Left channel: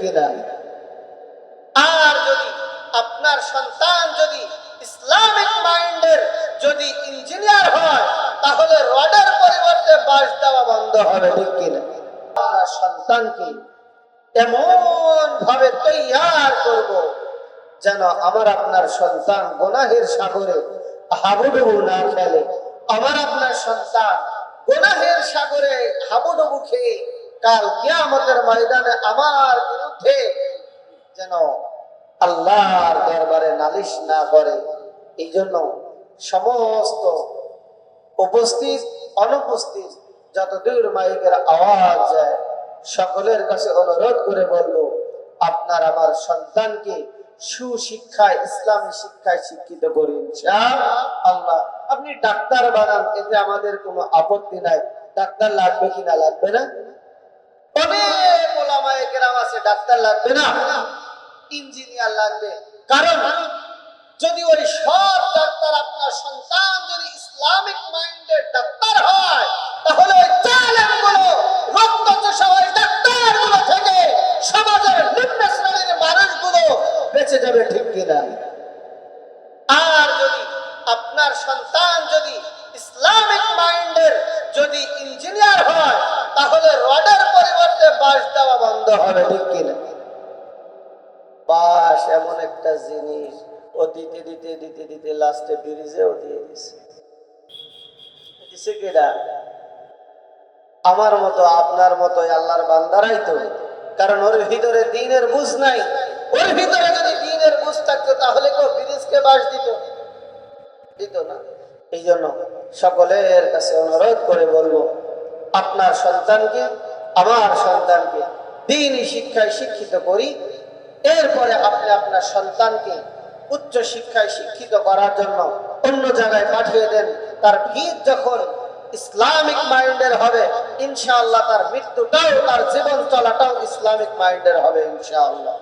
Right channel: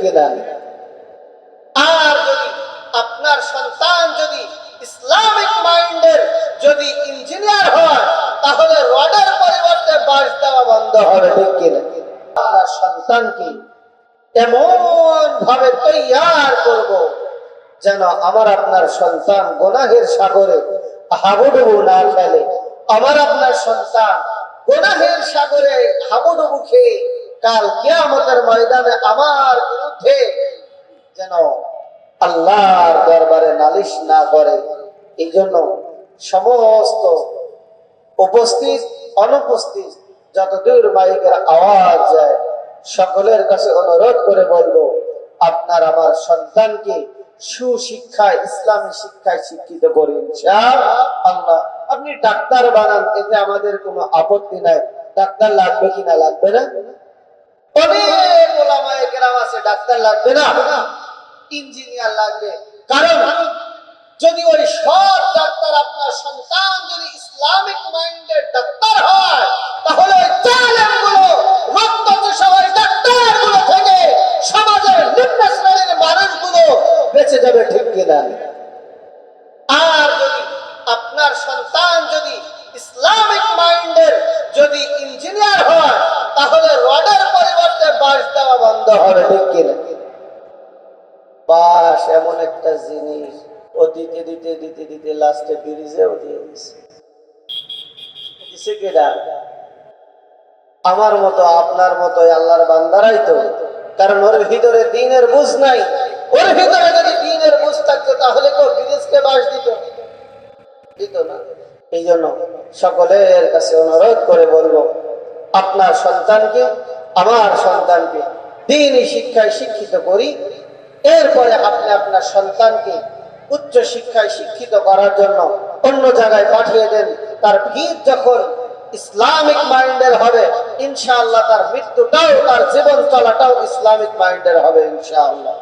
কিনা? আর যদি আপনার সন্তান যদি ইসলামিক মাইন্ডের যদি ইঞ্জিনিয়ার হয়, তাহলে রডের পরিবর্তে বাস দেওয়া বন্ধ হবে ঠিক কিনা? আপনার সন্তানকে এমন ভাবে তৈয়ার করব যেন আমার আপনার সন্তান গোনাহের সাগরে হাবুডুবু না খেলে আমার আপনার সন্তান গোনাহের সাগরে হাবুডুবু খেয়ে কাল কিয়ামতের ময়দানে আমার বিরুদ্ধে যেন আল্লাহর দরবারে নালিশ না করে। এই জন্য সমস্ত উপস্থিত, অনুপস্থিত, যতদূর মাইকের আওয়াজ যায়, সকলের কাছে অনুরোধ করে বলব, আপনার আমার সন্তানকে সুশিক্ষায়, ইসলামী শিক্ষায় শিক্ষিত করুন। আল্লাহ আপনি ডাক্তার বানান, এতে আমাদের কোনো আপত্তি নাই। ডাক্তার লাগবে কিনা লাগবে না? অনেক ওলামায়ে কেরাম আছে? ডাক্তার লাগবে না? ইঞ্জিনিয়ার লাগবে। কারণ, যদি ওই সব ডাক্তার আপনার সন্তান যদি ইসলামিক মাইন্ডের ডাক্তার হয়, তাহলে ওই জালেমগুলো রক্ত সবাই ডাক্তারগুলো থেকে সমাজের নিম্ন শ্রেণির মানুষগুলো বেঁচে যাবে, ঠিক কিনা? আর যদি আপনার সন্তান যদি ইসলামিক মাইন্ডের যদি ইঞ্জিনিয়ার হয় তাহলে রডের পরিবর্তে বাস দেওয়া বন্ধ হবে, ঠিক কিনা বাস এমন একটা জিনিস ও দিতে দিতে দিতে দিতে লাস্টে ব্রিজেও দিয়ে দিছে? আমার মতো, আপনার মতো আল্লাহর বান্দারাই তো। কারণ ওর ভিতরে দিনের বুঝ নাই। ওর ভিতরে যদি দিনের বুঝ থাকতো, তাহলে তো ব্রিজকে বাস দিত। দিত না। এই জন্য সকলের কাছে অনুরোধ করে বলব, আপনার সন্তানকে আমার সন্তানকে দিনই শিক্ষায় শিক্ষিত করি। এরপরে আপনি আপনার সন্তানকে উচ্চ শিক্ষায় শিক্ষিত করার জন্য অন্য জায়গায় পাঠিয়ে দেন। তার ভিত যখন ইসলামিক মাইন্ডের হবে, ইনশাআল্লাহ তার মৃত্যুটাও, তার জীবন চলাটাও ইসলামিক মাইন্ডের হবে, ইনশাআল্লাহ।